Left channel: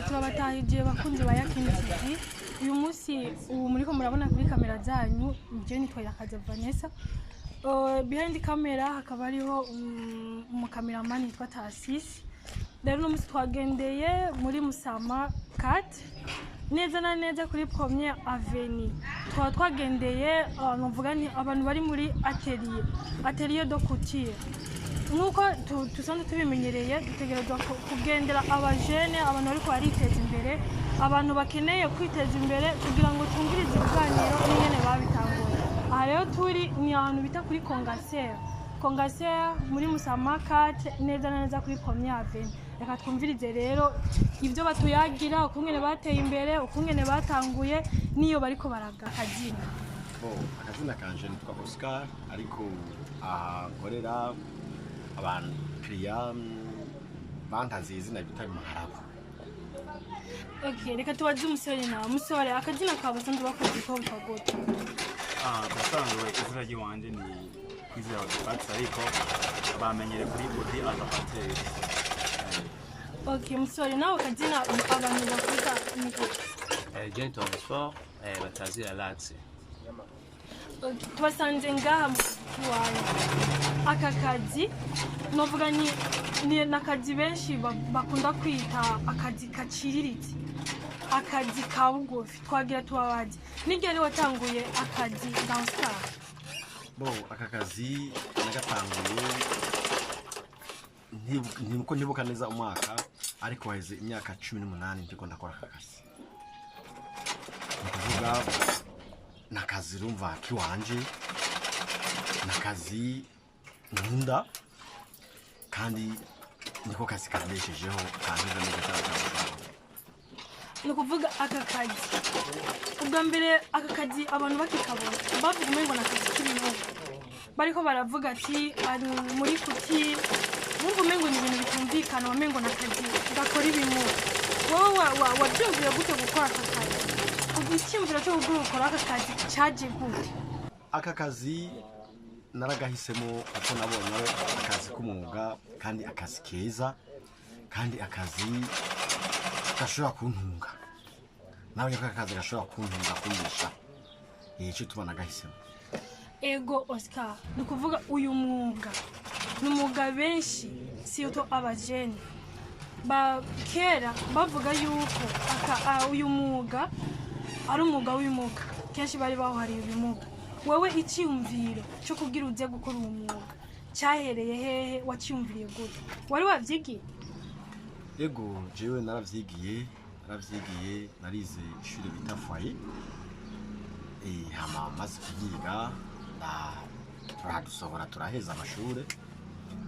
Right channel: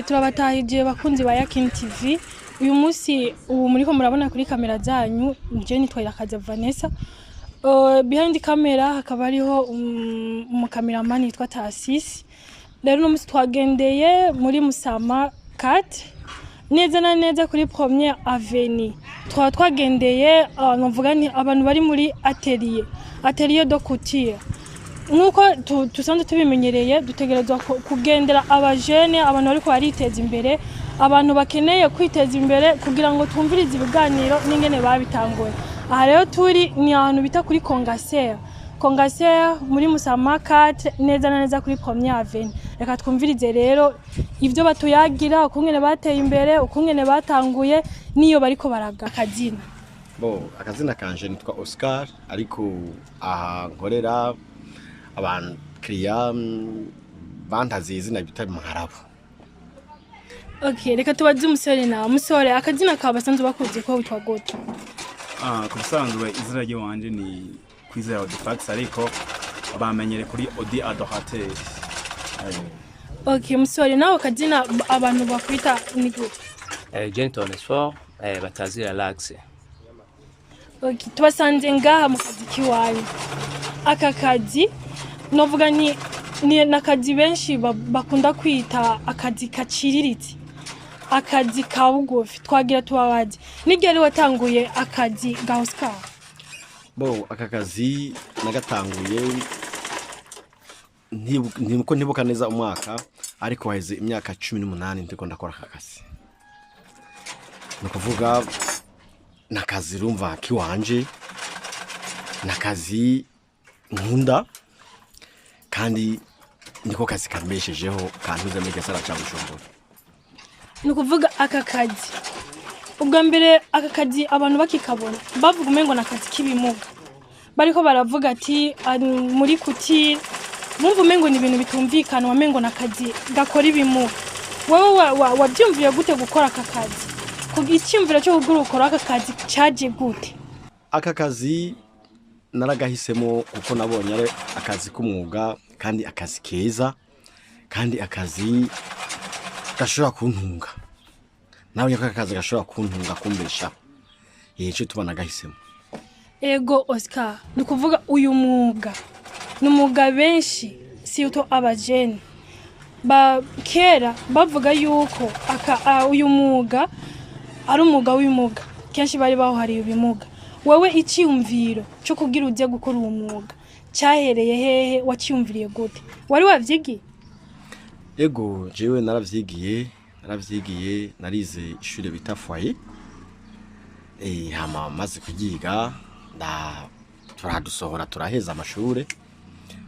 Turabatahije bakunzi ba Yakini TV. Uyu munsi ubu muriko murabona kuri kamera zanyu je nitwabasize Vanessa. Behind camera hakaba hariho umukameraman yitwa Tasisi. Rero uno munsi twagendeye muri Musama 4 neza na neza kuri Premier Avenue. Twagendeye navuga ni abantu bari muri atelier de couture. Nkuko tusanzwe tubimenyereye dutegerezwa kugendera abajene abantu bari bariteza imbere, abantu bakeneye kwiteza imbere kugira ngo twumvirize ibiganiro n'ingene babitanguye. Aha rero turi ni ahantu bita kuri Congaser muri Musama 4 neza na neza kuri Premier Avenue. Reka twumvirize rero ivyo batuyagira ukungene bateye imbere, ukungene batanguye niyo bariko baraga akazina. Akazina kanje nitwa Oscar ariko aha nkorera abantu kriya bantazi izina bita Maharabu. Okay, reka tubaze umusore na umusore akazina ka basanzwe bakuze ko witwa gute? Dusanzwe izina ry'wanje ni kwizera Fax ariko bamenyere kuri Odi Adorateur. Okay, umusore nawe akazina abantu bakwita ni gute? Gentle Sport batazira Lax. Okay, tubasanze ngaha mu kazi kiwanyu. Aka kazi novuga ni nakazi benshi bakunda kwita akazi kaciriritse, akazi ka bugufi. Twagira tubabaje nigere watanguye akazi ga Oscar? Aka kazi nagatanguye ntibuka neza umwaka ariko waheze imyaka 18 ndiko ndakora aka kazi. Nukuvuga nakazi rumva kiwanje, nakazi nkunda kandi niko kazi kambeshejeho kantuze muri gasara cha Burundi. Nukuvuga aka kazi ubwa mbere aka kazi abantu bakikabona bavuga umengo nakazi kibimuga, bariko baravuga ati muri kuti mumva umengo ni ibintu bitumvikana, wamengo nakazi gakora ibimuga. Wowe wabyumviye gute gukora aka kazi? Kugicyumvira cyo gukora aka kazi cyaje gute? Aka kazi naragahisemo kuko nabonye ari akazi k'umwuga kandi akazi keza kandi akazi gashobora kuntunga. Nabonye ko akazi gashobora kuntunga kumbesha. Yeje tubana gahisemo. Ego Oscar, nukuvuga uyu mwuga n'umwuga benshi si uto abajene kera bavuga yuko uyu mwuga ari umwuga w'imuga, kenshi bari bahariye ibimuga. Wewe icyumviro cyo kugira uje gukora uwo mwuga cyahereye hehe? Wacyumviriye gute? Wari wavyigiye? Ego jewe naravyigiye narize ishure bita foyer. Hama maze kugiga turadusohora turaheza amashure.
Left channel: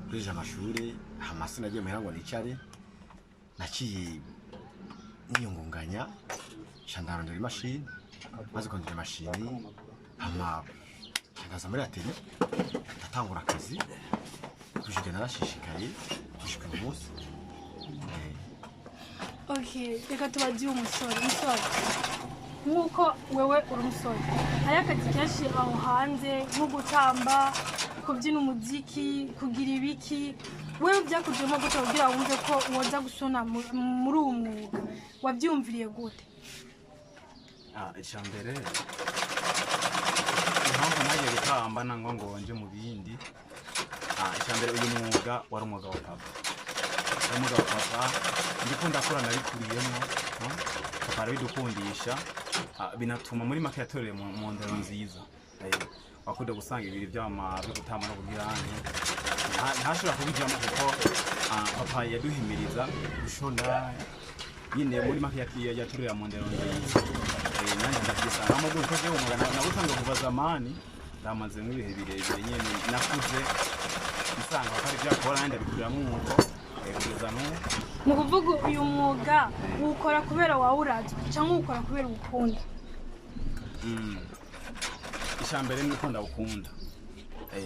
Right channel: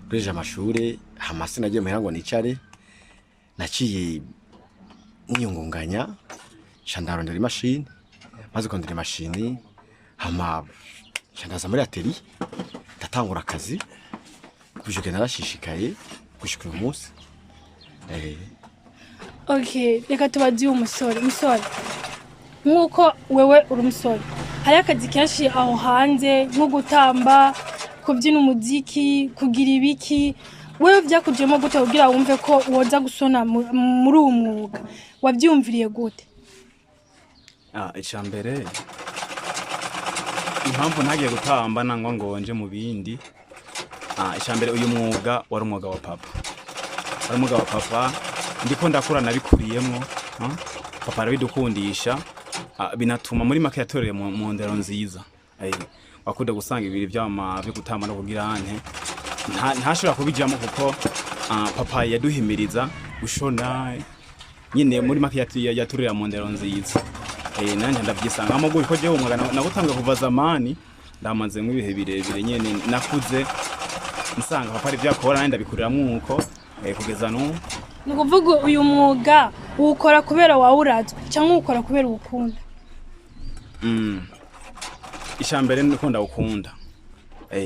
Kureje amashure hama sinagiye muhira ngo nicare, naciye niyungunganya chandarondera imashini, maze kondera imashini hama chandaza muri atelier ndatangura akazi kujuke narashishikaye gushika uyu munsi. Okay, reka tubazi umusore nkuko wewe uri umusore, hari akazi kenshi aho hanze nko gutamba, kubyina umuziki, kugira ibiki. Wewe byakujemo gute kugira wumve ko woza gusona muri uwo mwuga? Wabyumviriye gute? Icyambere impamvu ntagiye gutamba nangwa ngo nje mu bindi. Icyambere uyu mwuga wari umwuga wa papa, ndiko ndakura nabikuriyemo. Papa arabidukundisha binatuma muri make yatoreye mu ndero nziza. Wakude gusanga ibiri byama byo gutamba no kugira ante ntashobora kubijamo kuko papa yaduhimiriza gushona nyine muri make yaturira mu ndero nziza. Nanje ndabyisanga amaguru ko je umwuga nagutanga kuva zamani ndamaze mu bihe birebire nyene nakuze nsanga papa ari byakora nandi ndabikurira nkuko kugeza no. Nukuvuga uyu mwuga ukora kubera wawurazwe cyangwa ukora kubera ukunda? Icyambere nuko ndawukunda.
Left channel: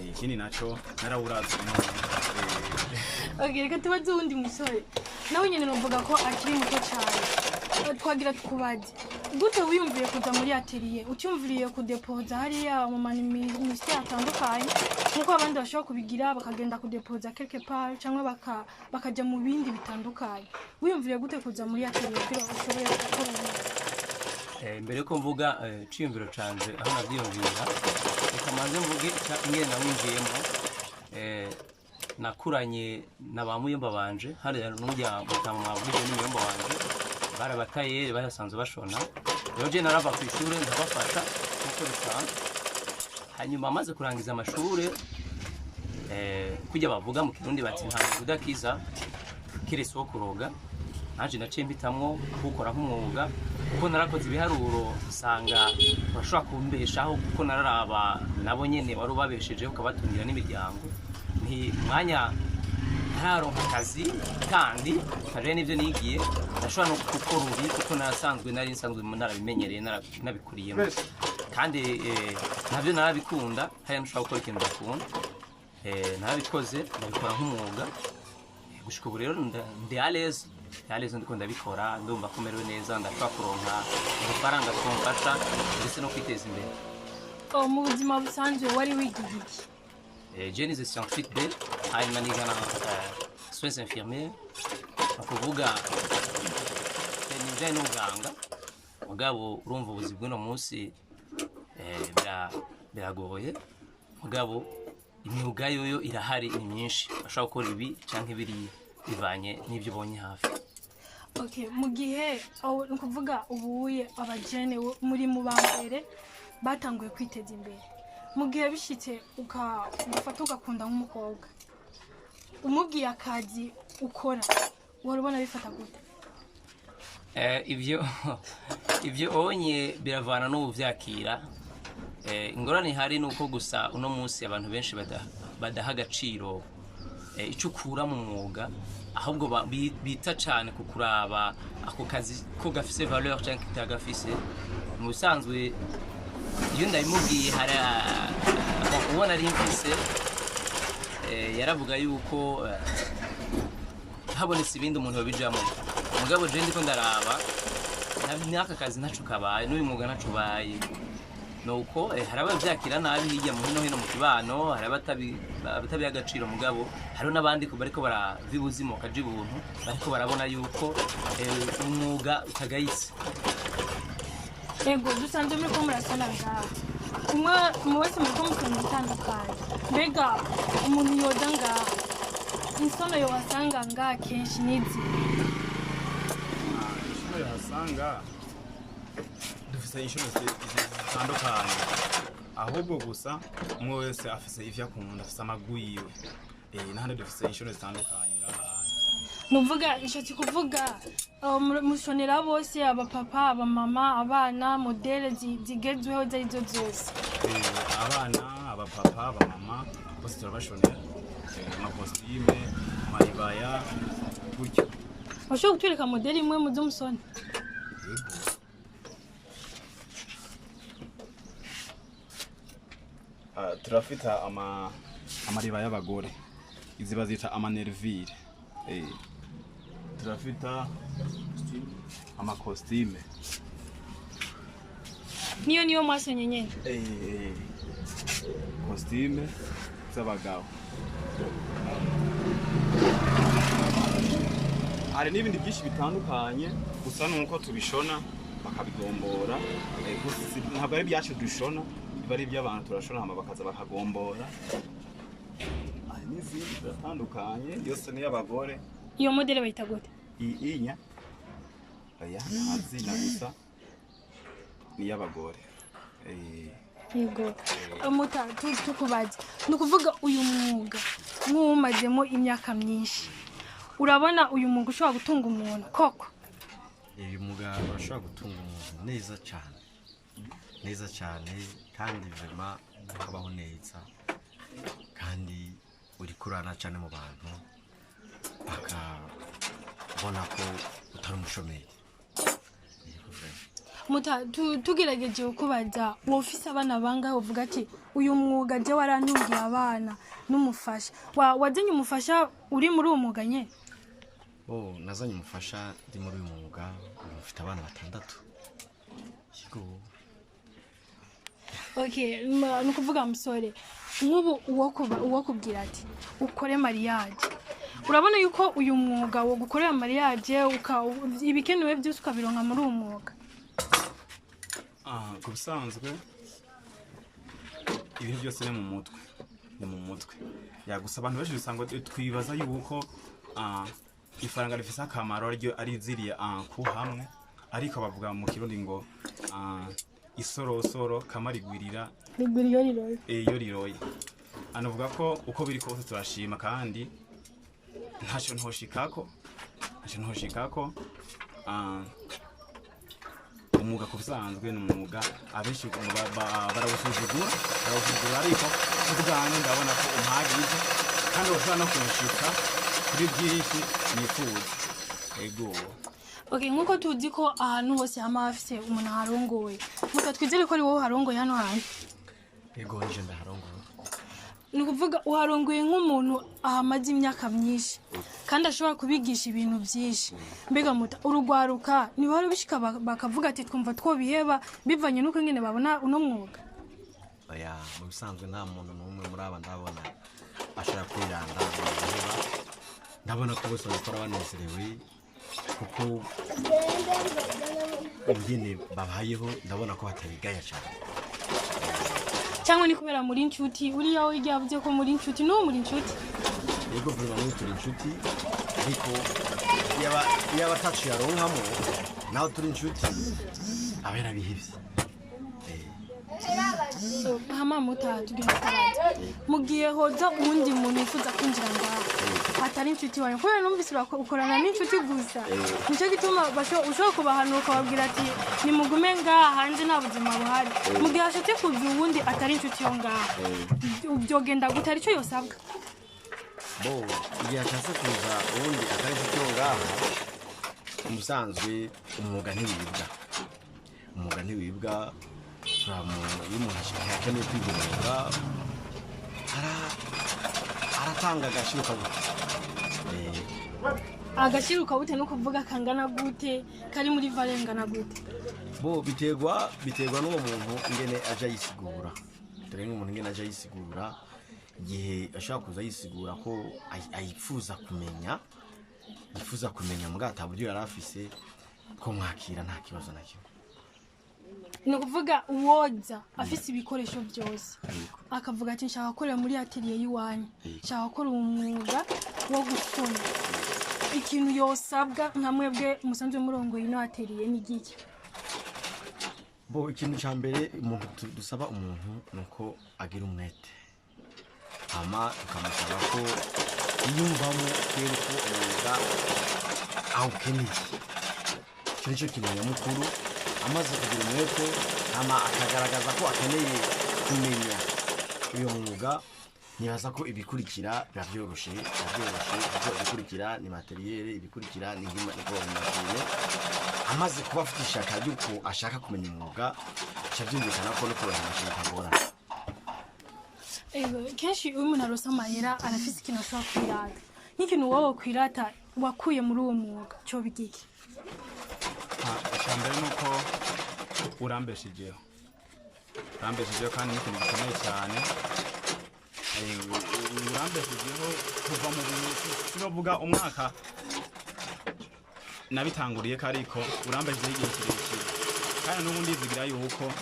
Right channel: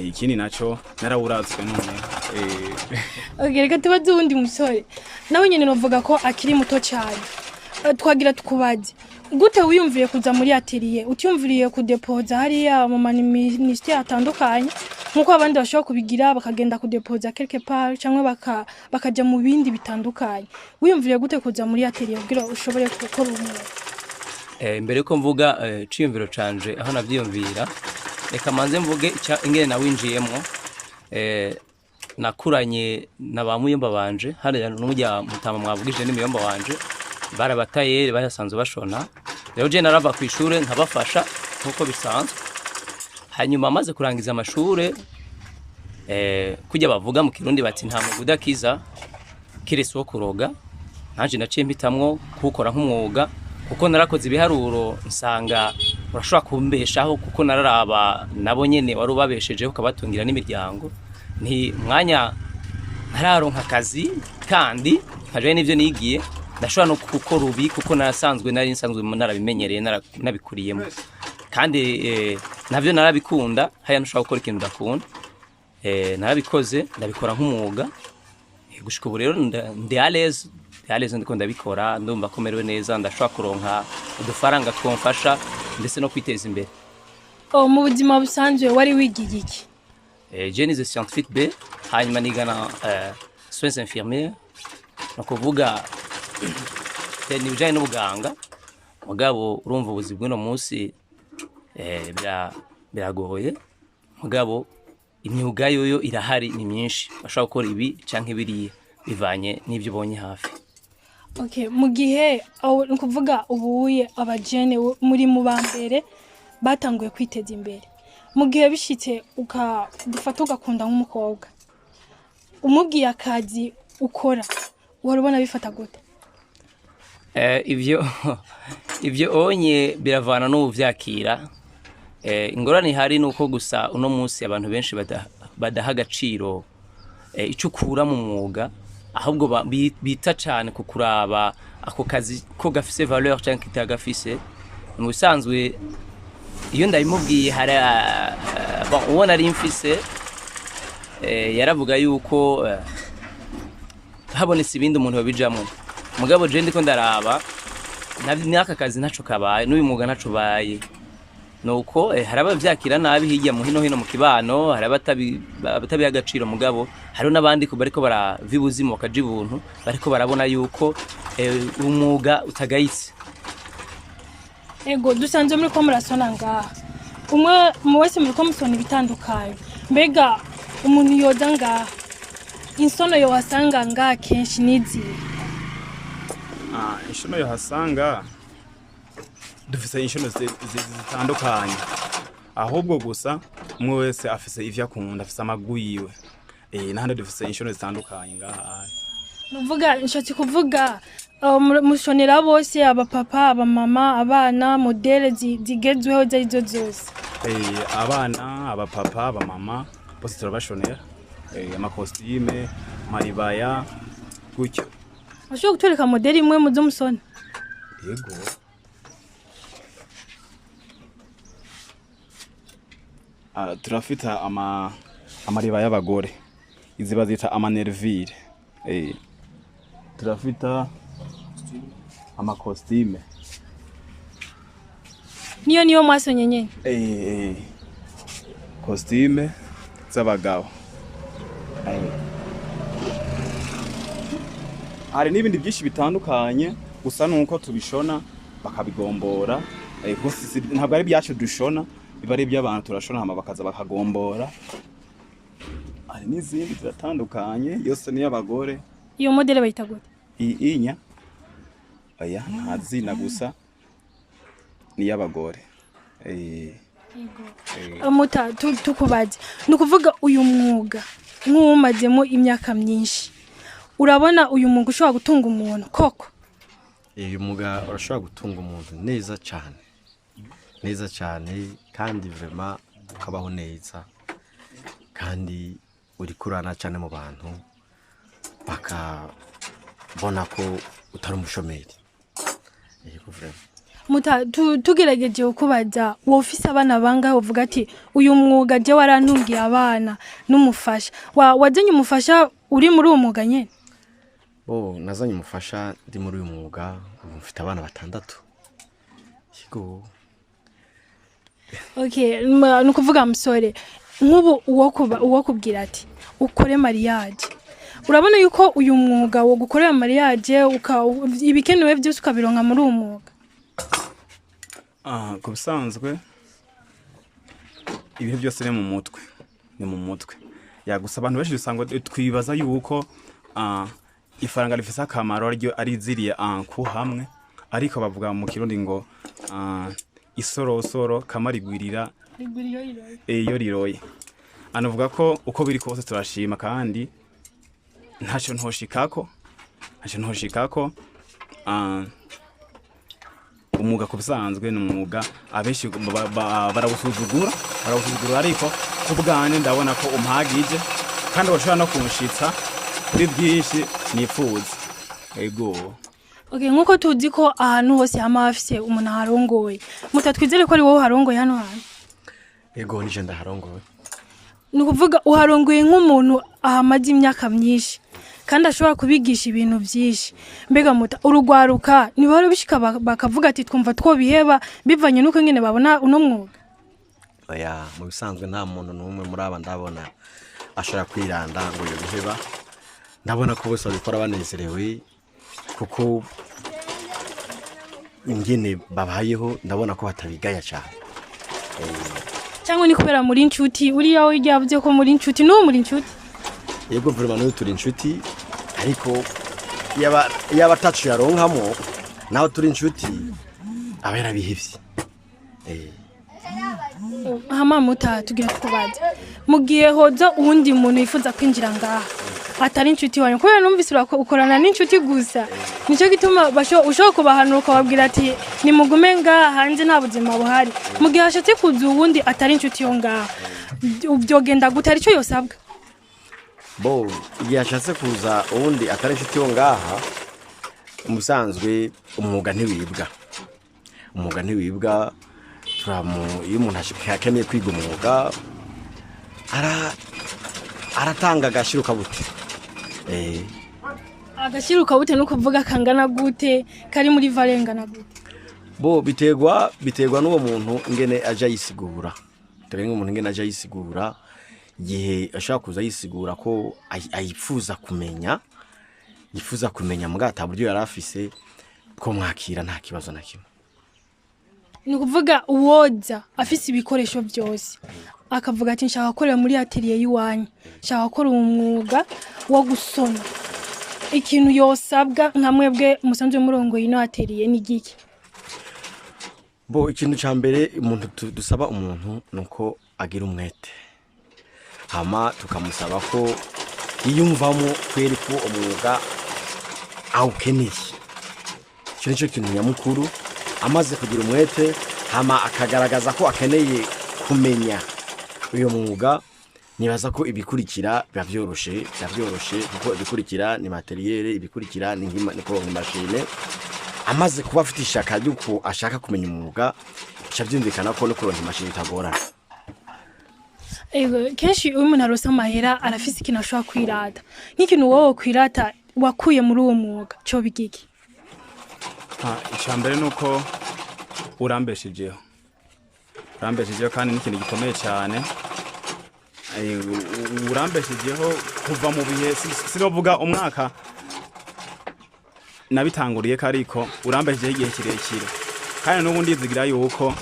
Ikindi naco narawurazwe none. Okay, reka tubaze undi musore nawe nyene novuga ko akiri muto cyane. Twagira tukubaje gute wiyumviye kuza muri atelier? Utyumviriye kudepoza hariya mu ministeri atandukanye nkuko abandi bashobora kubigira bakagenda kudepoza quelque part cyangwa bakaja mu bindi bitandukanye wiyumvire gute kuza muri atelier kugira ushobore gukora umwuga mbere ko mvuga ciyumviro canje aho navyiyumvira reka manze mvuge ingene nawinjiyemo nakuranye na ba muyomba banje hariya n'umujya mutama mwavugije n'imiyomba wanje barabatayeri bayasanzwe bashona rero je narava ku ishure nkabafasha nkuko bisanzwe hanyuma amaze kurangiza amashure kujya bavuga mu kirundi bati nta muguda kiza kirese wo kuroga naje naciye mpitamwo gukora nk'umwuga kuko narakoze ibiharuro nsanga urashobora kumbeshaho kuko nararaba nabonyene wari ubabeshejeho ukabatungira n'imiryango nti mwanya ntararonka akazi kandi nkaje n'ivyo nigiye ndashobora no gukora ubi kuko narasanzwe narabimenyereye nabikuriyemo kandi navyo narabikunda haya ntushobora gukora ikintu udakunda narabikoze ndabikora nk'umwuga gushika ubu rero ndi à l'aise ndiko ndabikora ndumva komerewe neza ndashobora kuronka udufaranga twomfasha ndetse no kwiteza imbere mu buzima busanzwe wari wigiye iki je nize scientifique B hanyuma nigana soins infirmiers no kuvuga ni bijanye n'ubuganga mugabo urumva ubuzi bw'ino munsi biragoye mugabo imyuga yoyo irahari ni myinshi bashaka gukora ibi canke biriya bivanye n'ibyo ubonye hafi okay mu gihe nukuvuga ubuye abajene muri mu bambere batanguye kwiteza imbere mu gihe bishitse ugafata ugakunda nk'umukobwa umubwiye akazi ukora warubona bifata gute ivyo onye biravana no vyakira ingorane hari nuko gusa uno munsi abantu benshi badaha agaciro icukura mu mwuga ahubwo bita cyane kukuraba ako kazi ko gafise valeur cyangwa kitagafise mu bisanzwe iyo ndabimubwiye hari ubona ari mfise yaravuga yuko habonetse ibindi umuntu babijamo mugabo je ndiko ndaraba n'aka kazi ntaco kabaye n'uyu mwuga ntaco baye nuko haraba vyakira nabi hirya mu hino mu kibano haraba batabi agaciro mugabo hari nabandi ko bariko baravibuzimu bakaje ibuntu bariko barabona yuko umwuga utagayitse ego dusanzwe muri ko murasona ngaha umwe mu wese muri ko musona ibitandukanye mbega umuntu yoza ngaha insono yo wasanga ngaha kenshi nizi inshono yo hasanga dufise inshono zitandukanye ahubwo gusa umwe wese afise ivyo akunda afise amaguyiwe nahandi dufise inshono zitandukanye ngaha nuvuga inshatse kuvuga mushonera bose abapapa abamama abana modele zigezweho zaizo zose abana abapapa abamama bose turabashonera amakostime maribaya gutyo ashobora guturika modeli imwe mu zo musona yego turafita amariba y'abagore izi bazita amanervire turafita amakostime niyo mwasonye nyene kostime z'abagabo hari n'ibindi byinshi bitandukanye gusa nuko tubishona bakabigombora ntabwo ari byacu dushona biba ari iby'abantu turashona hama bakaza bakagombora hari n'izindi ziratandukanye yose ni y'abagore iyo modele bayita gute inya aya ntazina gusa ni y'abagore yego muta tukubaje nukuvuga uyu mwuga nk'umazemo imyaka myinshi urabona uyu mwuga ushobora gutunga umuntu koko uyu mwuga urashobora gutunga umuntu neza cyane kandi vraiment ukabaho neza kandi uri kurana cyane mu bantu bakabona ko utari umushomeri muta tugerageje kubaza wofise abana bangahe uvuga ati uyu mwuga je warantungiye abana n'umufasha wazanye umufasha uri muri uwo mwuga nyene nazanye umufasha ndi muri uyu mwuga mfite abana 6 yego okay nukuvuga musore nk'ubu uwo kubwira ati ukore mariage urabona yuko uyu mwuga wo gukorera mariage ibikenewe byose ukabironka muri uwo mwuga? Ku bisanzwe ibihe byose ni mu mutwe yagusa abantu benshi usanga twibaza yuko ifaranga rifise akamaro ari ziriye ku hamwe, ariko bavuga mu kirundi ngo isorosoro kamarigwirira iyo riroye. Anavuga ko uko biri kose turashima kandi ntacyo ntoshikako umwuga ku bisanzwe ni umwuga abenshi barawusuzugura ariko kubwane ndabona ko umpagije kandi bashobora no kunshitsa kuri byinshi nifuza. Ego okay, nkuko tuzi ko ahantu hose hama hafise umuntu harongoye, mutatwizere ko ari wowe harongoye hano hantu? Ego nije ndaharongoye. Ni kuvuga uharongoye nk'umuntu ahamaze imyaka myinshi kandi ashobora kubigisha ibintu byinshi. Mbega muta urugwaruka ni bari bishika bakavuga ati twumva twobiheba bivanye nuko ngene babona uno mwuga? Oya, mu bisanzwe nta muntu n'umwe muri aba ndabona ashobora kwiranda ngo yiheba. Ndabona ko bose babikora banezerewe kuko ingene babayeho, ndabona ko batabigaya cyane. Cyangwa ni kubera muri inshuti uriya yavuze ko muri inshuti no muri inshuti? Yego vraiment no turi inshuti, ariko yaba tacu yaronkamo naho turi inshuti abera bihivye. Hama muta tugira kubaza mugiye hoza uwundi muntu yifuza kwinjira ngaha atari inshuti wanyu, kubera numvise ukorana n'inshuti gusa, nico gituma ushobora kubahanura ukababwira ati nimugume ngaha hanze nta buzima buhari. Mugihe hashatse kuza uwundi atari inshuti yo ngaha byogenda gute? Arico yosabwa? Bo igihe hashatse kuza uwundi atari inshuti yo ngaha, umusanzwe umwuga ntiwibwa. Iyo umuntu akeneye kwiga umwuga aratanga agashiruka bute. Agashiruka bute no kuvuga kangana gute, kari muri valengana gute? Bo biterwa n'uwo muntu ngene aja yisigura. Turenga umuntu ngene aja yisigura, gihe ashaka kuza yisigura ko ayifuza kumenya mugata buryo yarafise ko mwakira nta kibazo na kimwe. Ni kuvuga uwoza afise ibikoresho byose akavuga ati nshaka gukora muri atelier yiwanyu, nshaka gukora umwuga wo gusona, ikintu yosabwa nka mwebwe musanzwe murongo ino atelier ni giki? Bo ikintu ca mbere umuntu dusaba umuntu nuko agira umwete, hama tukamusaba ko yiyumvamo kweri ko umwuga awukeneye. Cyo nico kintu nyamukuru, amaze kugira umwete hama akagaragaza ko akeneye kumenya uyo mwuga. Nibaza ko ibikurikira byoroshe kuko ibikurikira ni materiel, ibikurikira ni machine. Amaze kuba afite ishaka yuko ashaka kumenya umwuga, cyavyumvikana ko no kuronka machine itagora. Ego kenshi umuntu arosa amahera arafise ikintu ashobora kwirata, nk'ikintu wowe kwirata wakuye muri uwo mwuga cyo bigiki? Icyambere nuko urambeshijeho kandi n'ikintu gikomeye cyane. Urambeshijeho kuva mu bihe sinovuga umwaka nabitanguriye kariko urambeshijeho igihe kirekire, kandi n'ubu ndizigira yuko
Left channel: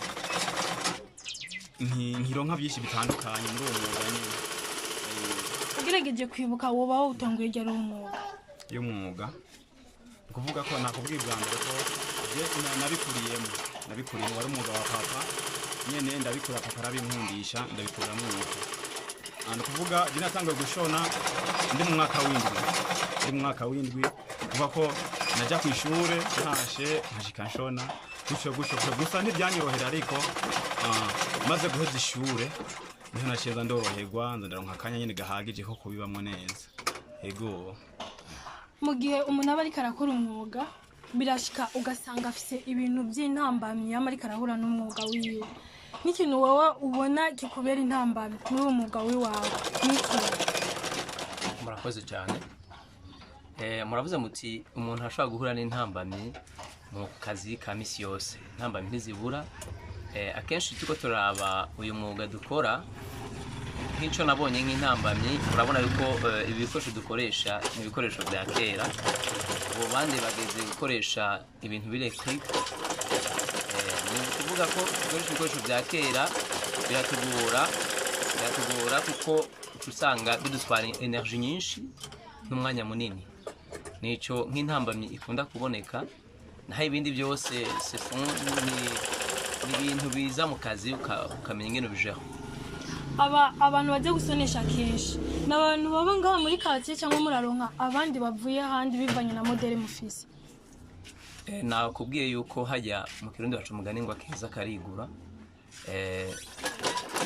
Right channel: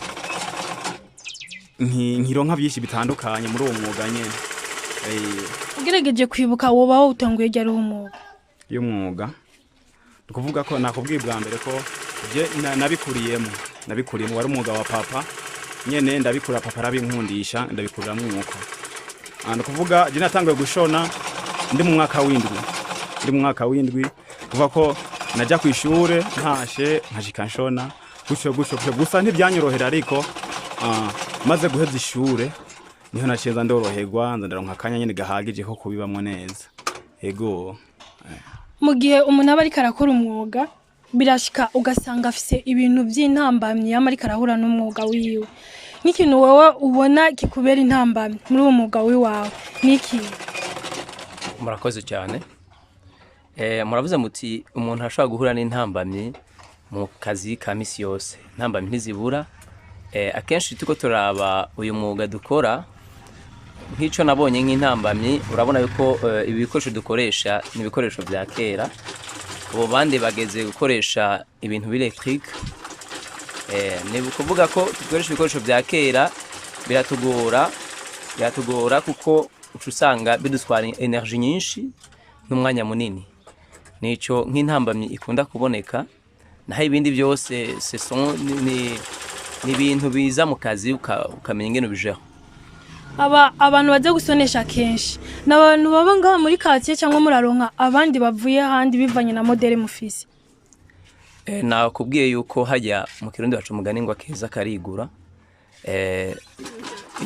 nkironka byinshi bitandukanye muri uwo mwuga nyene. Ugerageje kwibuka wobaho utanguye ryari umwuga? Y'umwuga kuvuga ko nakubwibwa mbere ko je nabikuriyemo wari umwuga wa papa nyene, ndabikura papa arabinkundisha ndabikurira mu mwuka. Kuvuga je natanguye gushona ndi mu mwaka w'indwi kuva ko najya ku ishure ntashe nkashika nshona gusho gusa ntibyanyorohera, ariko maze guheza ishure niho naceza ndoroherwa ndaronka akanya nyene gahagije ko kubibamwe neza. Ego mu gihe umuntu aba ariko arakora umwuga birashika ugasanga afise ibintu by'intambamye yama ariko arahura n'umwuga wiwe, n'ikintu wowe ubona kikubera intambamye muri uwo mwuga wiwawe niki? Murakoze cyane. Muravuze muti umuntu ashobora guhura n'intambamye mu kazi ka misi yose, intambamye ntizibura. Akenshi tuko turaba uyu mwuga dukora nk'icyo nabonye nk'intambamyi urabona yuko ibi bikoresho dukoresha ni ibikoresho bya kera ubu bandi bageze gukoresha ibintu birekrike ni ukuvuga ko dukoresha ibikoresho bya kera biratugora kuko usanga bidutwara energy nyinshi n'umwanya munini nicyo nk'intambamyi ikunda kuboneka naho ibindi byose ni ibintu biza mu kazi ukamenya ingene ubijeho. Abantu baje gusonesha kenshi n'abantu baba ngaha muri quartier cyangwa muraronka abandi bavuye handi bivanye na modele mufise. Nakubwiye yuko hajya mu Kirundi bacu mugani ngo akeza karigura.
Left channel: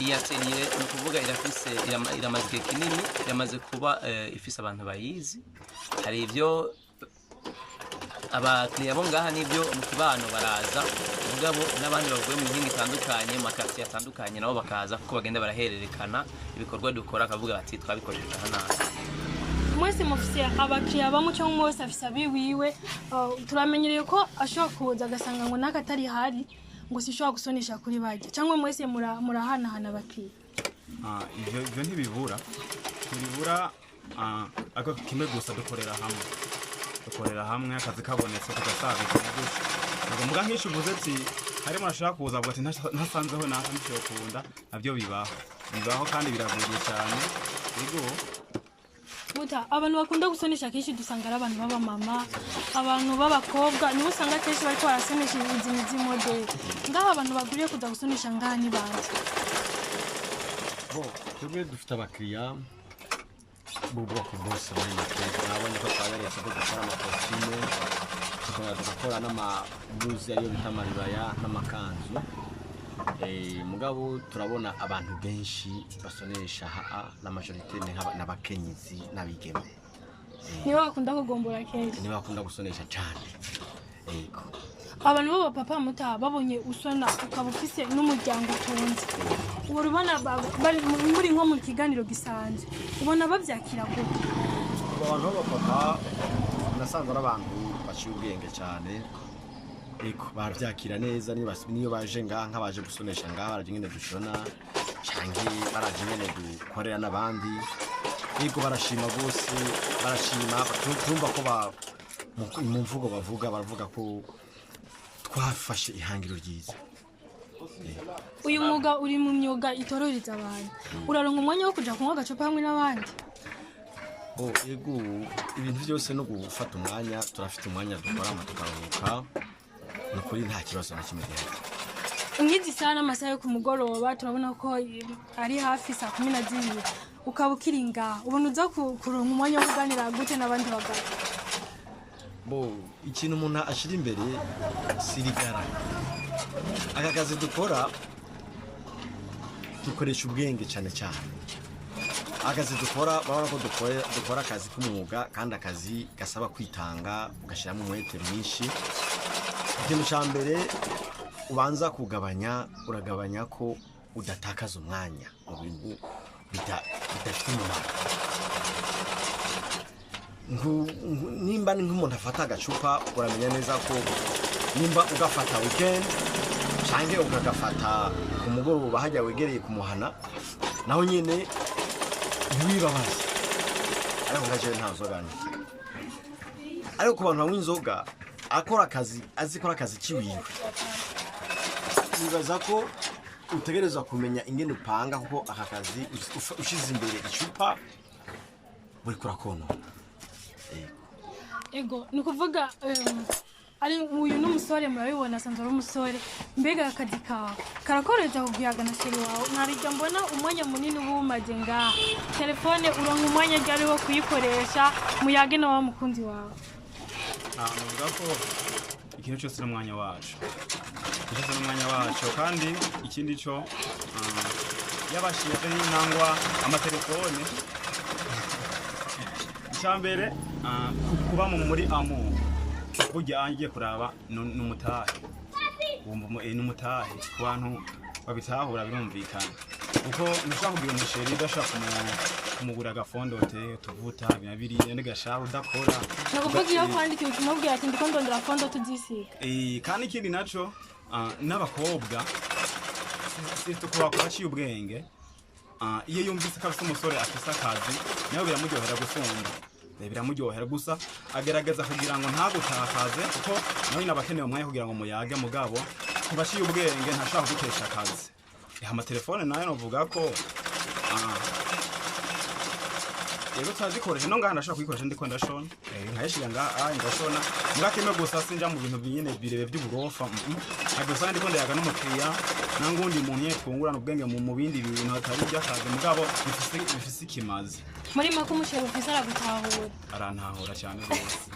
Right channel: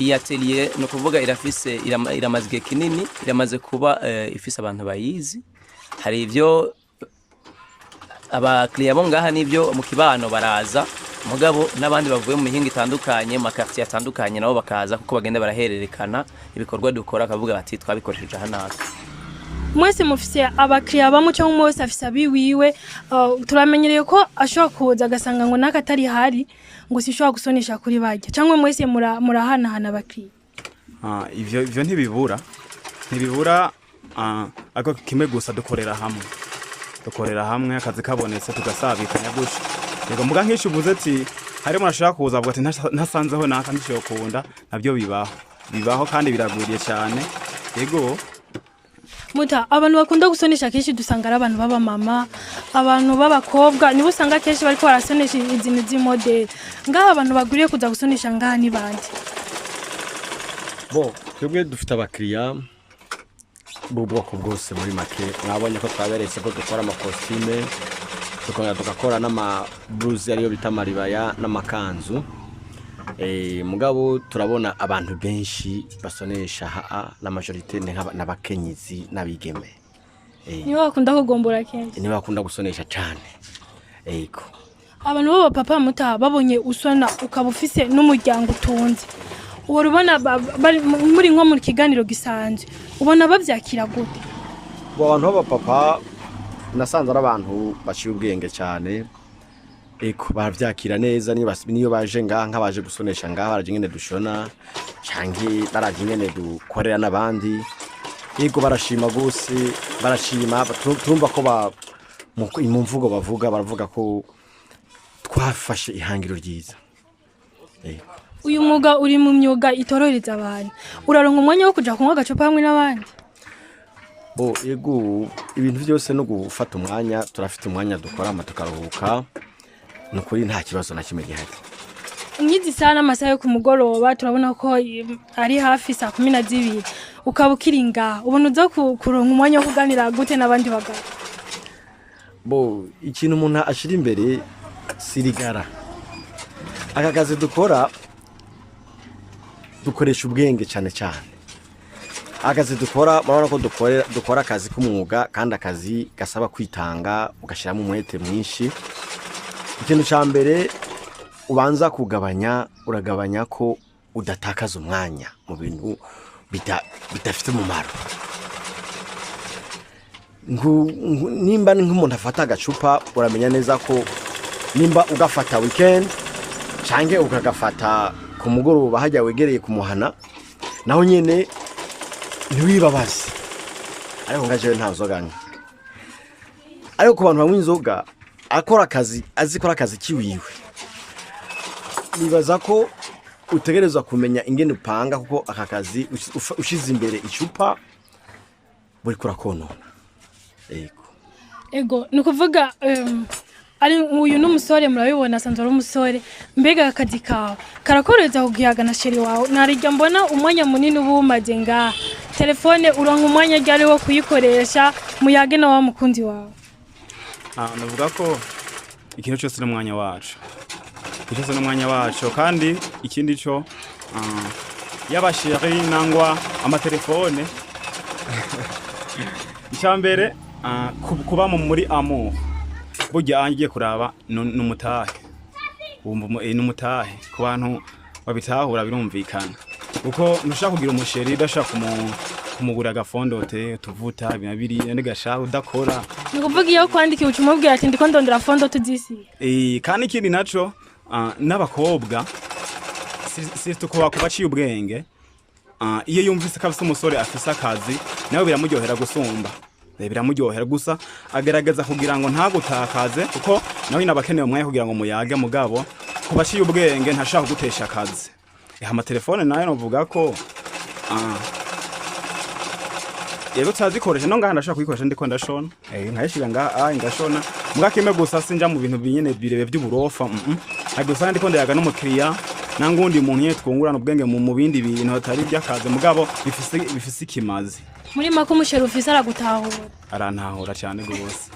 Iyi atelier no kuvuga iramaze igihe kinini iramaze kuba ifise abantu bayizi hari ivyo abakiriya bo ngaha nibyo mu kibano baraza mugabo n'abandi bavuye mu mihinga itandukanye mu quartier atandukanye nabo bakaza kuko bagenda barahererekana ibikorwa dukora akavuga bati twabikoresheje hano. Mwese mufise abakiriya bamwe cyangwa mwese afise abiwiwe turamenyereye ko ashobora kuza agasanga ngo nakatari hari ngo sishobora gusonesha kuri bajya cyangwa mwese murahana abakiriya. Ivyo ntibibura ako kimwe gusa dukorera hamwe akazi kabonetse tugasabikana gusha yego muga nk'ishi uvuze ati harimo nashaka kuza avuga ati ntasanzeho naka nicyo kunda nabyo bibaho kandi biraguriye cyane yego. Muta abantu bakunda gusonesha kenshi dusanga ari abantu baba mama abantu b'abakobwa nibo usanga kenshi bariko barasonesha izindi z'imodel ngaho abantu baguriye kuza gusonesha ngaha ni bande. Twebwe dufite abakiriya bwoko bwose muri make mwabonye ko twaberetse ko dukora amakositime tugakora n'amabluze ariyo bita maribaya n'amakanzu mugabo turabona abantu benshi basonesha la majorité n'abakenyezi n'abigeme nibo bakunda kugombora kenshi nibo bakunda gusonesha cyane yego. Abantu baba papa muta babonye usona ukaba ufise n'umuryango utunze uwo rubona muri nko mu kiganiro gisanzwe ubona bavyakira gute? Abantu baba papa nasanze ari abantu baciye ubwenge cyane eko baravyakira neza niyo baje ngaha nk'abaje gusonesha ngaha baraje ngene dushona canke baraje ngene dukorera n'abandi ego barashima gose barashima tumva ko mu mvugo baravuga ko twafashe ihangiro ryiza. Uyu mwuga uri mu myuga itorohereza abantu uraronka umwanya wo kuja kunywa agacupa hamwe n'abandi? Yego ibintu byose no gufata umwanya turafite umwanya dukora tukaruhuka nukuri nta kibazo na kimwe gihari. Nyizi sana amasaha yo kumugoroba turabona ko ari hafi saa 12 ukaba ukiringa ubona uza kuronka umwanya wo kuganira gute n'abandi bagabo? Ikintu umuntu ashira imbere sirigara aka kazi dukoresha ubwenge cyane akazi dukora babona ko dukora akazi k'umwuga kandi akazi gasaba kwitanga ugashiramo umwete mwinshi. Ikintu cya mbere ubanza uragabanya ko udatakaza umwanya mu bintu bidafite umumaro. Nimba nk'umuntu afata agacupa uramenya neza ko nimba ugafata weekend canke ukagafata ku mugoroba hajya wegereye kumuhana naho nyene ntiwibabaze ariko ngaje ntazoganya ariko ku bantu banywa inzoga azikora akazi kiwiwe nibaza ko utegerezwa kumenya ingene upanga kuko aka kazi ushize imbere icupa buri kurakonona ego nukuvuga ari uyu n'umusore murabibona asanzwe ari umusore mbega akazi kawe karakoreza kugihaga na sheri wawe narijya mbona umwanya munini ubumaze ngaha telefone uronka umwanya ryari wo kuyikoresha muyage na wa mukunzi wawe? Navuga ko ikintu cyose n'umwanya wacu kandi ikindi cyo y'abasheri nangwa amatelefone icyambere kuba muri amour burya angiye kuraba n'umutahe n'umutahe ku bantu babitahura birumvikana uko nushaka kugira umusheri udashaka kumugura agafondote tuvuta binabiri n'igashaka udakora nakuvuga iyo kwandika ubutumwa bwira ati ndiko ndondera fondote zisi kandi ikindi naco n'abakobwa si tukuba kubaciye ubwenge iyo yumvise ko afise umusore afise akazi nawe biramuryohera gusumba biramuryohera gusa agerageza kugira ngo ntagutakaze kuko nawe nabakeneye umwanya kugira ngo muyage mugabo kubaciye ubwenge ntashaka gutesha akazi amatelefone nayo novuga ko yego tazikoresha no ngaha ndashaka kuyikoresha ndiko ndashona nkayishira ngaha ndashona mugakime gusa sinja mu bintu binyene birebe by'uburofa nagusanga ndiko ndayaga n'umukiriya nangundi muntu yetwungurana ubwenge mu bindi bintu hatari by'akazi mugabo bifise ikimazi muri mako umusheri ufise aragutahura arantahura cyane gose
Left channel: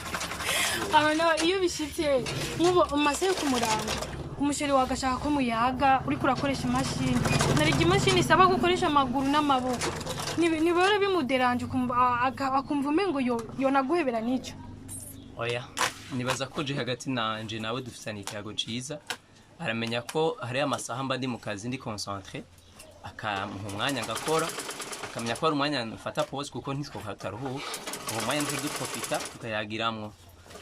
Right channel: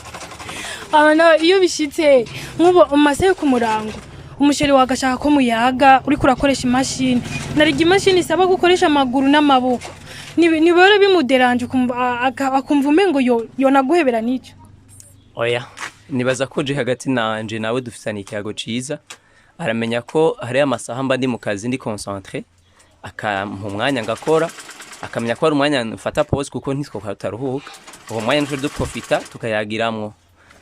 abana iyo bishitse nk'ubo umaze ku murango umusheri wagashaka ko muyaga uri kurakoresha imashini narigi imashini isaba gukoresha amaguru n'amaboko nibora bimuderanje akumva umengo yo naguhebera n'icyo oya nibaza ko je hagati nanje nawe dufisana ikiyago ciza aramenya ko hari amasaha mba ndi mu kazi ndi concentré akampa umwanya ngakora akamenya ko ari umwanya mfata pause kuko ntitwoka taruhuka uwo mwanya nturi duprofita tukayagiramwo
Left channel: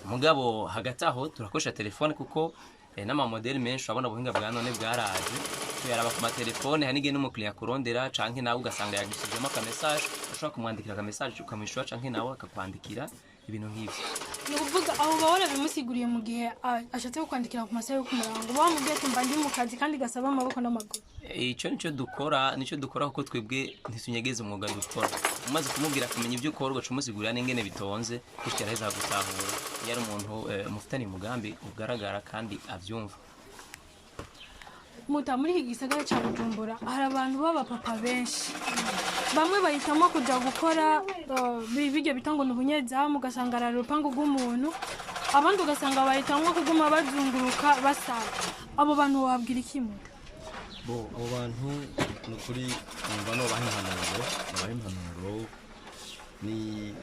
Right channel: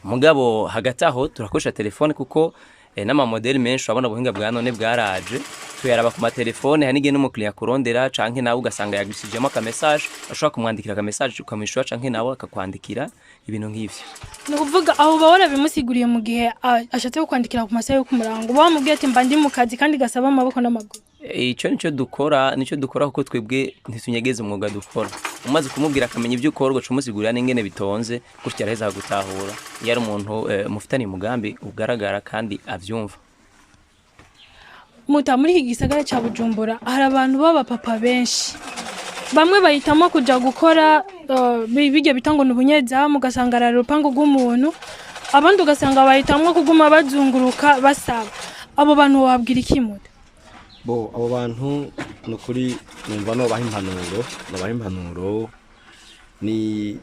mugabo hagati aho turakoresha telefone kuko n'ama model menshi abona buhinga bwa none bwaraje tuyaraba ku matelefone hanige n'umukiriya kurondera canke nawe ugasanga yagishijemo aka message ashobora kumwandikira aka message ukamwishura canke nawe akakwandikira ibintu nk'ivyo ni kuvuga aho bahora bimusiguriye mu gihe ashatse kwandikira ku masaha yo kumurango bamubwiye ati mba ndi mu kazi kandi gasaba amaboko n'amaguru ico nico dukora kuko twebwe ntitunyegeze umwuga dukora umaze kumubwira akamenya ibyo ukora ugaca umusigurira n'ingene bitonze gutya araheza gutahura iyo ari umuntu mufitanye umugambi ugaragara kandi avyumva muta muri iki gisagara ca Bujumbura hari abantu baba papa benshi bamwe bahitamo kuja gukora bijya bitango n'ubunyeza mugasanga ara rupango rw'umuntu abandi ugasanga bahitamo kuguma bazunguruka basaba abo bantu wabwira ikimuta abo bantu nukuri numva no baha impanuro ni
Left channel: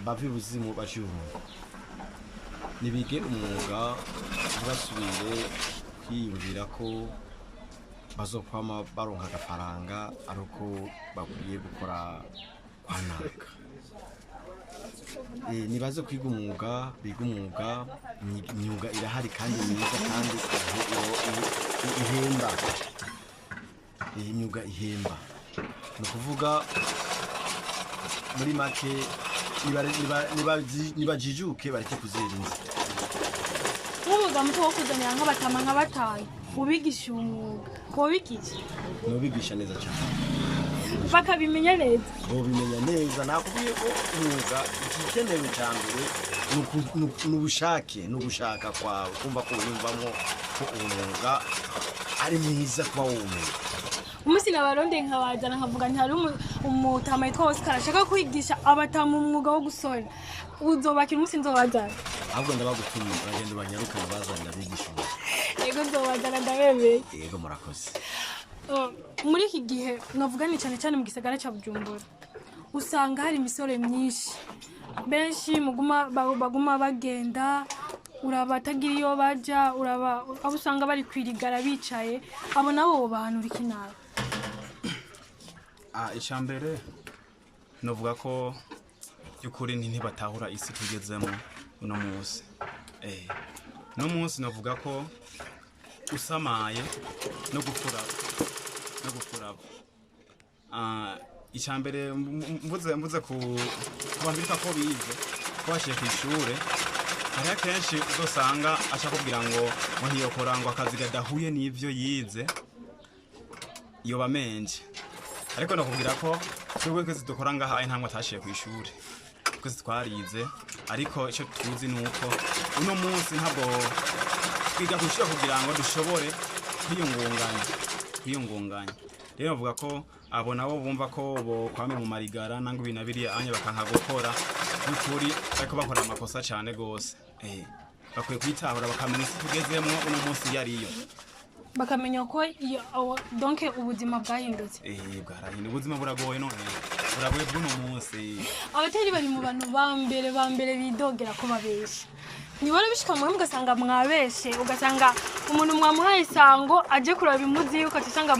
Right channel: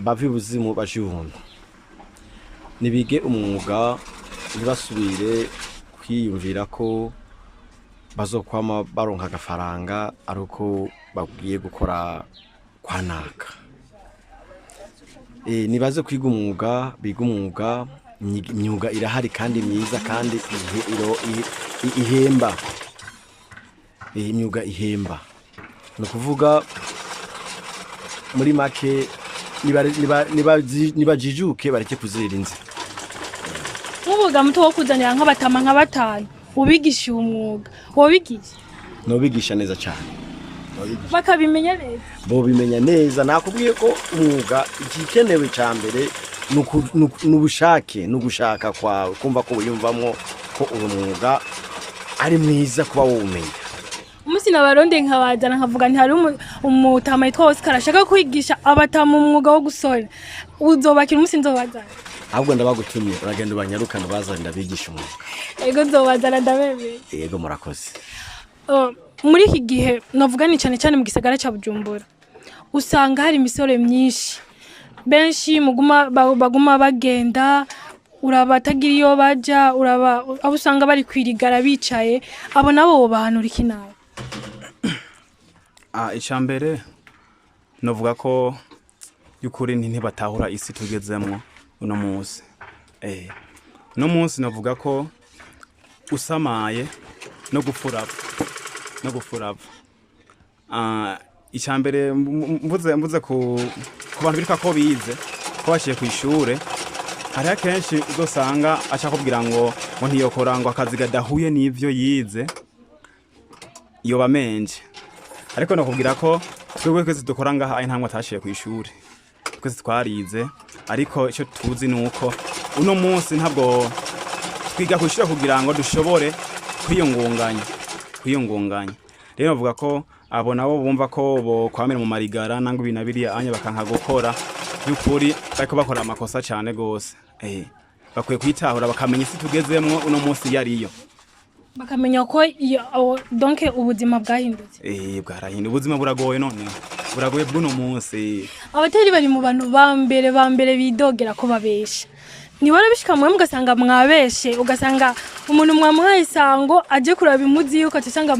bavi buzimu bashihungu nibige umwuga ntibasubire kwiyumvira ko bazokwama baronka agafaranga aruko bagiye gukora kwanaka nibaze kwiga umwuga biga umwuga imyuga irahari kandi myiza kandi ihemba imyuga ihemba no kuvuga muri make nibajijuke bareke kuzira inzi nk'ubuga muto wo kuzanira nk'abatama nka batanu ubigisha umwuga wobigisha no bigisha neza cyane bakabimenya neza bo bimenya neza nakubwiye ko umwuga igikenewe cyambere nubushake nugushaka kwa kumva ko uyumvamwo ko umwuga ari mwiza kuba wumenya umusi nabaronde nkabazana nkavuga nti hari umutama yitwa Oscar ashaka kwigisha abatama umwuga wo gusora uzobakira umusi nzobazana ahubwo ndabagutumye uragenda ubanyarukana bazanira bigisha umwuga yego nzobazana ndabemeye yego murakoze muri iki gihe navuga ni cyane cyane mu gisagara ca Bujumbura usanga hari imisore myinshi benshi baguma bagenda urabatagira iyo baja abo usanga bari kwirigara bicaye abo nabo bahanura ikinara icambere novuga ko y'ukuri ntibatahura isi tugezemwo uno munsi no munsi navuga ko usamaye no gufuraba icambere mvuze ku bantu birika ko bize ko bashiye ku ishure hari akenshi uzosanga acha kubwira ngo ntiyokora ngo akazi gadahuye n'ivyo yize iyo bamenje ariko nakubwira ko twebwe kwese dukora ngaha ari ntamwe atashiye ku ishure twese twarize ariko icyo tuzi nuko uno munsi ntabwo twiga kushira kugira ngo dushobore kwiyungunganya rero bavuga ko abo nabo bumva ko bo kwamera mu marigara nango binabiriya anya bakanka gukora y'ukuri bariko bakora amakosa cyane gose bakwiye kwitahura bakamenya isi tugezemwo uno munsi yariyo bakamenya ko donc ubuzima bwahindutse bwarahindutse ubuzima buragoye none buragoye bw'uno munsi abateri bari mu bantu bambere bidogera ko babesha nibora bishika mwe mugasanga mwabeshe ugasanga umuntu mwamuhaye isango aje kuraba imuzi yuko cyangwa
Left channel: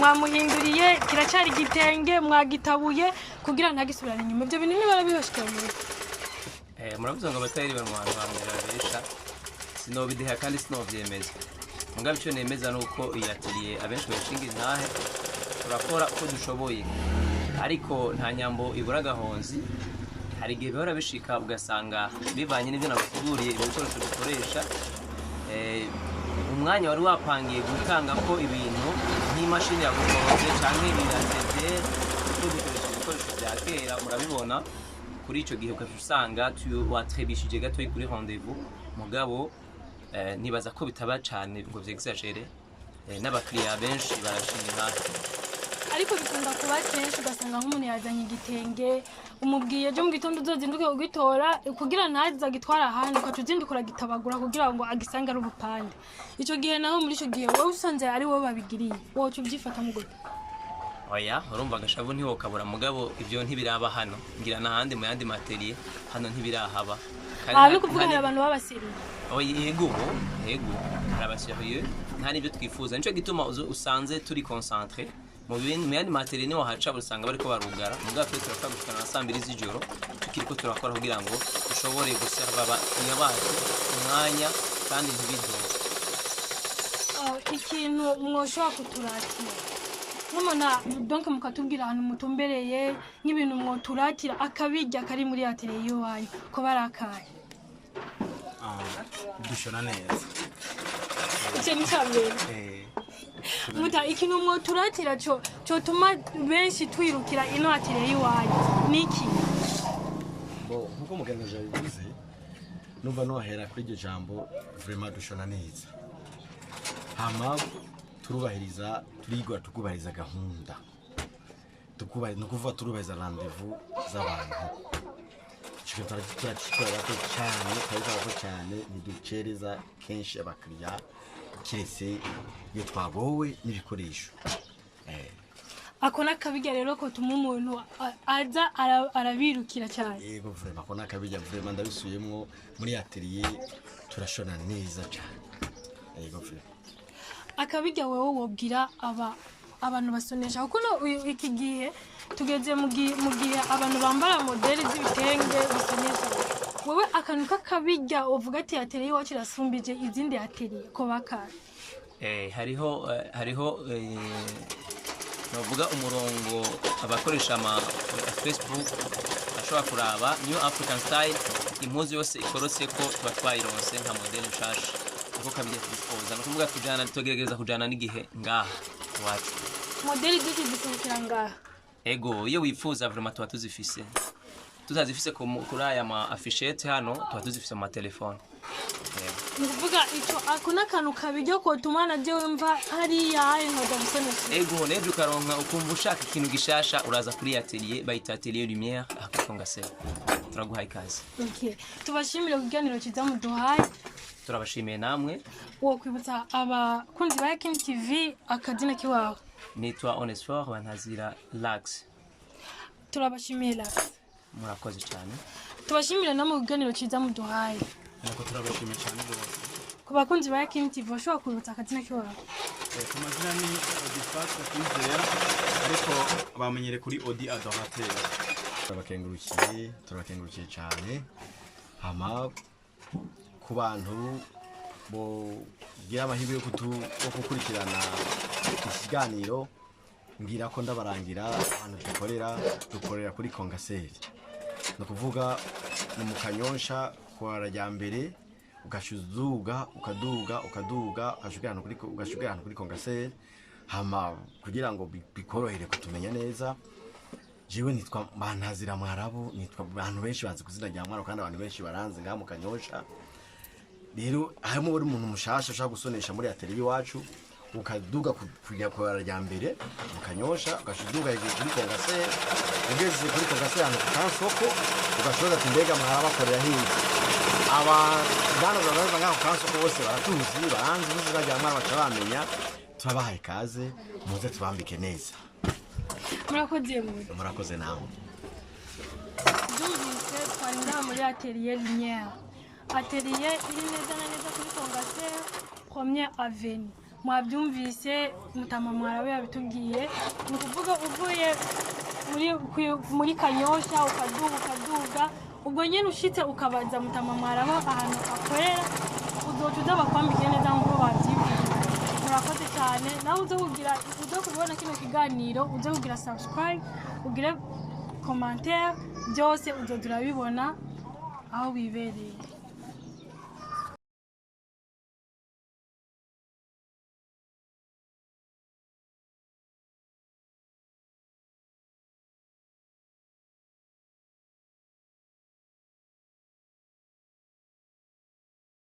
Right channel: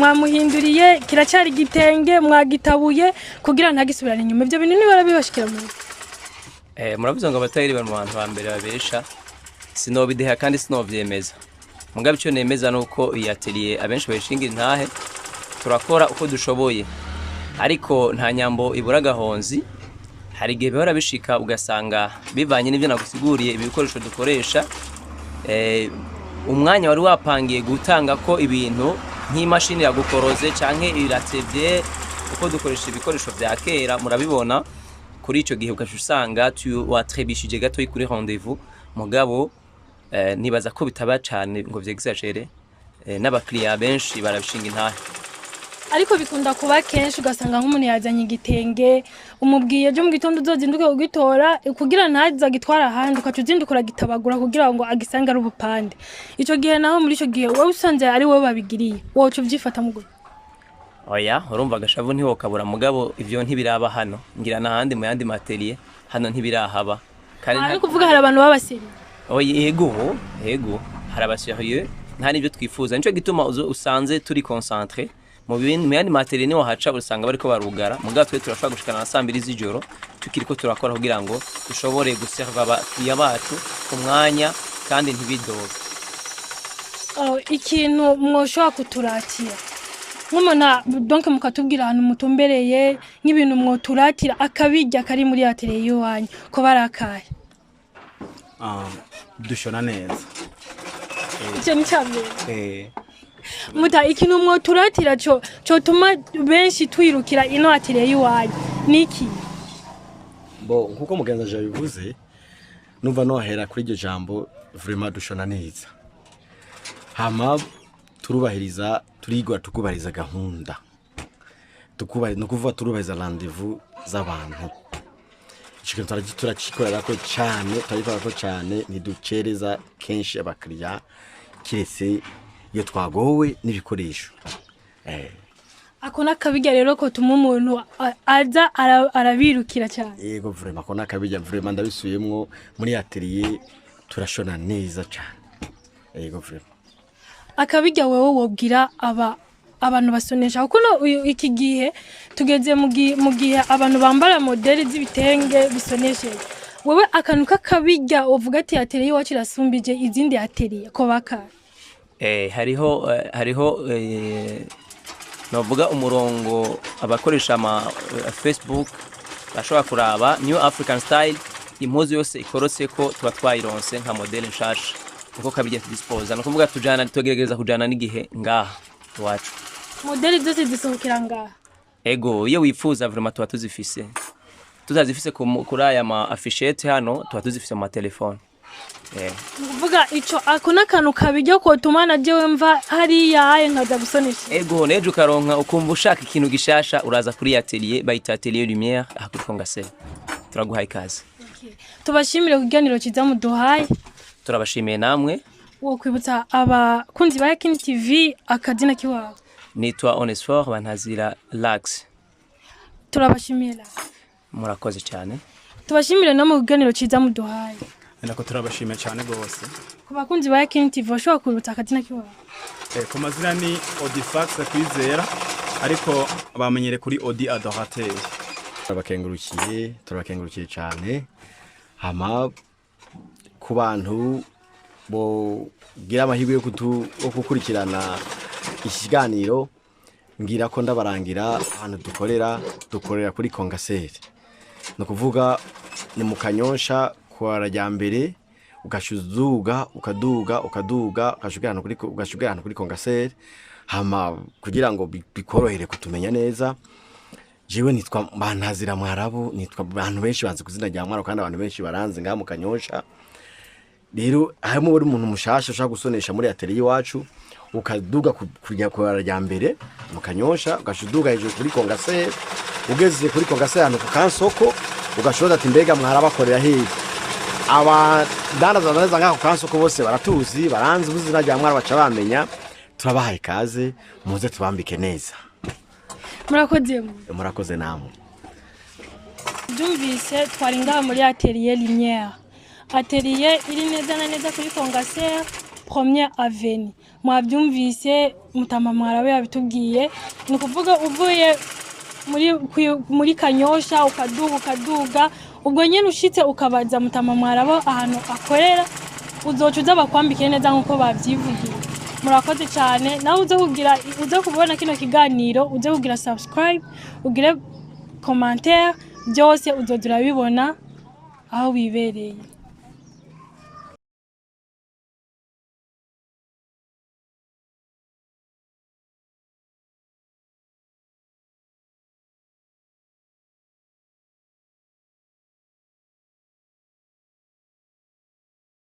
mwamuhinduriye kiracari gitenge mwagitabuye kugira ntagisubirane nyuma ibyo bintu nibara bibashikira mu muravuze ngo abateri bari mu bantu bambere babesha sinobideha kandi sinovyemeza mugabe cyo nemeza nuko iyi atelier abenshi bayishingira intahe turakora uko dushoboye ariko nta nyambo ibura gahonzi hari igihe bihora bishika ugasanga bivanye n'ibyo nagusiguriye ibikoresho dukoresha umwanya wari wapangiye gutanga ko ibintu nk'imashini yagukoroze canke iratevye uko dukoresha ibikoresho vya kera murabibona kuri ico gihe ukashusanga watrebishije gato kuri rendez-vous mugabo nibaza ko bitaba cyane ngo vyexagere n'abakiriya benshi barabishinga intahe ariko bikunda kuba kenshi ugasanga nk'umuntu yazanye igitenge umubwiye byo mu gitondo uzozinduke ugitora kugira ntaza gitwara ahandi ukacuzindukura gitabagura kugira ngo agisange ari ubupande ico gihe naho muri ico gihe wowe usanze ari wowe babigiriye wowe uvyifata mu gute oya urumva agashavu ntiho kabura mugabo ivyo ntibiraba hano ngira nahandi mu yandi materiel hano ntibirahaba kandi kuvuga hari abantu babasiri oya yego hari abasiriye nta nibyo twifuza nico gituma usanze turi concentré mu yandi materiel niho haca usanga bariko barugara mugabo twe turashaka gushikana na 2 z'ijoro tukiriko turakora kugira ngo dushobore guserva abakiriya bacu ku mwanya kandi ntibidoga ikintu mwoshobora kuturatira nk'umuna donc mukatubwira ahantu mutumbereye nk'ibintu mwoturatira akabijya kari muri atelier y'wanyu ko barakaye dushona neza icyo ni cyambere muta ikintu mwoturatira cyo tuma benshi twirukira ino atelier y'wanyu niki bo nkuko mugenza bivuze numva nohera kuri iryo jambo vraiment dushona neza hama turubahiriza turigwa tukubahiriza gahunda nukuvuga turubahiriza rendez-vous z'abantu ikintu turacikorera ko cyane ntidukereza kenshi abakiriya kiretse iyo twagowe n'ibikoresho akona kabijya rero ko tuma umuntu aza arabirukira cyane yego vraiment akona kabijya vraiment ndabisuyemwo muri atelier turashona neza cyane yego vraiment akabijya wewe wobwira abantu basonesha kuko iki gihe tugeze mu gihe abantu bambara modeli z'ibitenge bisoneshe wowe akantu kakabijya uvuga ati atelier wacu irasumbije izindi atelier ko baka hariho navuga umurongo abakoresha ama Facebook bashobora kuraba New African Style impuzu yose ikorotse ko tuba twayironse nka modeli nshasha uko kabijya tudispoza no kuvuga tugerageza kujana n'igihe ngaha wacu modeli zose zisohokera ngaha ego iyo wifuza vraiment tuba tuzifise tutazifise kuri aya ma affichette hano tuba tuzifise mu telefone nukuvuga ico akona kantu kabijya ko tumana jewe mva hari yaye nkaza gusonesha ego neje ukaronka ukumva ushaka ikintu gishasha uraza kuri atelier bayita atelier lumière akukonga se turaguhaye kazi okay tubashimire kuganiro kiza muduhaye turabashimiye namwe wo kwibutsa abakunzi ba Yakini TV akadina kiwawe nitwa Onesphore bantazira Lax turabashimira murakoze cyane tubashimire no mu kuganiro kiza muduhaye nako turabashimiye cyane gose ku bakunzi ba Yakini TV bashobora kwibutsa akadina kiwawe ku mazina ni Odifax kwizera ariko bamenyere kuri Odi Adorateur turabakengurukiye cyane hama ku bantu bo gira amahirwe yo gukurikirana ikiganiro ngira ko ndabarangira ahantu dukorera kuri Kongaseri no kuvuga ni mu Kanyosha kwa Rajyambere ugashuzuga ukaduga ugashugirana kuri Kongaseri hama kugira ngo bikorohere kutumenya neza jewe nitwa Bantazira Mwarabu nitwa abantu benshi banze kuzina rya Mwaro kandi abantu benshi baranze ngaha mu Kanyosha rero harimo buri muntu mushasha ushaka gusonesha muri atelier wacu ukaduga kujya kwa Rajyambere mu Kanyosha ugashuduga hejuru kuri Kongaseri ugeze kuri Kongaseri hano ku Kansoko ugashoza ati mbega mwarabakorera hehe abadanaza neza ngaho Kansoko bose baratuzi baranze ubuzina rya Mwaro baca bamenya turabahaye kaze muze tubambike neza murakoze namwe Dumvise twaringa muri atelier lumière atelier iri neza na neza kuri Kongaseri première avenue mwabyumvise mutama Mwarabe yabitubwiye ni kuvuga uvuye muri Kanyosha ukaduga ubwo nyene ushitse ukabaza mutama Mwarabe ahantu akorera uzocuza bakwambike neza nkuko bavyivugiye murakoze cyane nawe uze kubona kino kiganiro uze kugira subscribe ugire commentaire byose uzodura bibona aho wibereye